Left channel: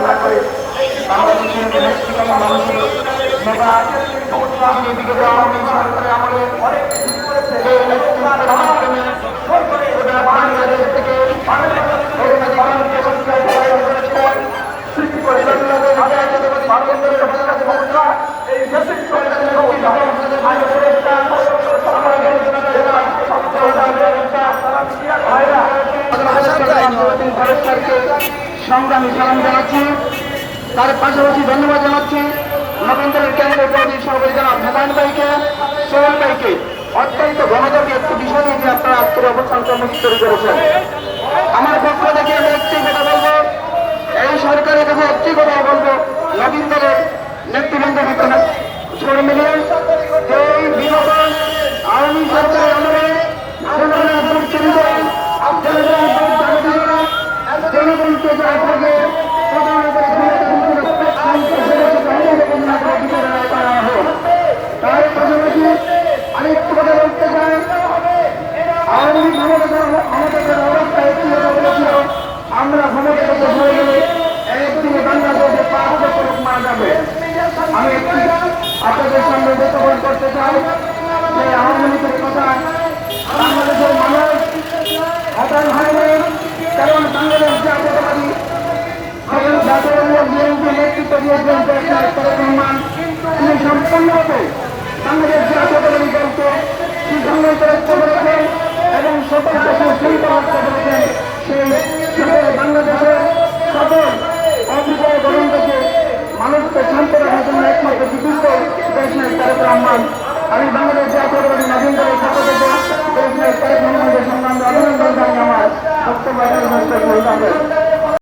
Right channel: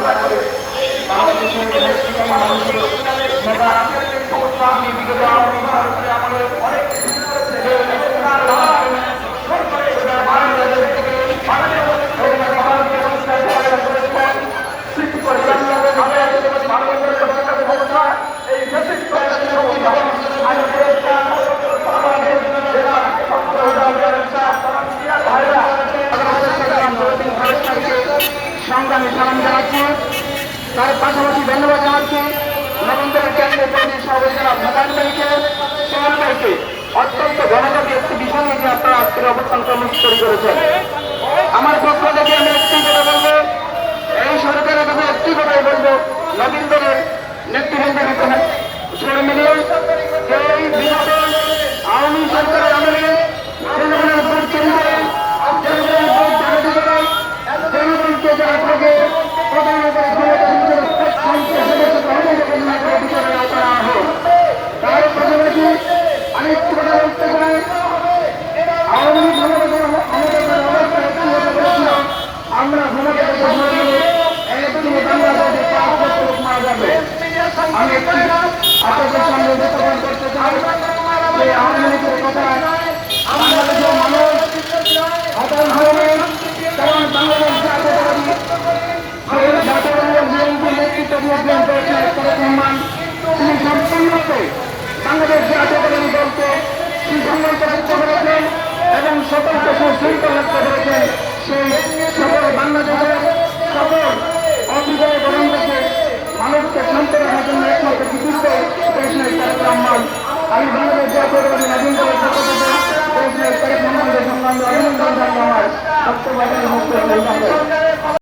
আশা করে বাংলাদেশের নেতৃত্বে মানুষের নেতা বিগত আওয়ামী সরকারে আমাদের যে নেতৃত্বের মাধ্যমে বাংলাদেশ থেকে এই দেশের সরকারের সমস্যা সংগ্রামী সালাম জানাচ্ছি। তার পাশাপাশি ধন্যবাদ জানাচ্ছি নবীন্দ্রের কেন্দ্রীয় কমিটির সভাপতি জনাব হুমায়ুন ভাইকে, সোহেল ভাইকে অত্যন্ত গণতান্ত্রিক একটি বিষয় নিয়ে আপনারা আজকের অবস্থান কর্মসূচি তৈরি করেছেন। আমার পক্ষ থেকে আমি একটি কথা বলবো, এই সরকারের কাছে একটি কথাই বলবো, নবীন্দ্রের নেতৃবৃন্দের ভিতরে ছেড়ে মিলে এই বিনোদন আওয়ামী সরকারের আমলে জনগণকে যে আগে আমি একটু কথা বলতে চাই। আওয়ামী লীগ আমাদের অবস্থা একটি কথা বলেছিল, আমরা ক্ষমতা থেকে ধরে গেলে একদিনে বাংলাদেশে 5 লক্ষ লোক মারা যাবে। আমি একটি আপনাদের সামনে উপস্থাপন করতে চাই যে আওয়ামী লীগের কথায় বাংলাদেশের মানুষ হতাশ হয়নি, কারণ বাংলাদেশ জাতীয়তাবাদী বিএনপি নেতৃত্ব দিয়েছেন প্রেসিডেন্ট তারেক রহমান। তিনি সম্পূর্ণরূপে বাংলাদেশ জাতীয়তাবাদী দলকে সিদ্ধান্ত রক্ষা করেছেন এবং সকল দেশের শৃঙ্খলা রক্ষা করেছেন। সেই সকল বাংলাদেশের সকল অভিযোগ দলিলকে মানুষকে শান্ত রাখার জন্য একমাত্র বিশুদ্ধ প্রেসিডেন্ট তারেক রহমান। আমি বাংলাদেশ জাতীয়তাবাদী নবীন দলের পক্ষ থেকে প্রেসিডেন্ট তারেক রহমানকে অভিনন্দন জানিয়ে আমার বক্তব্য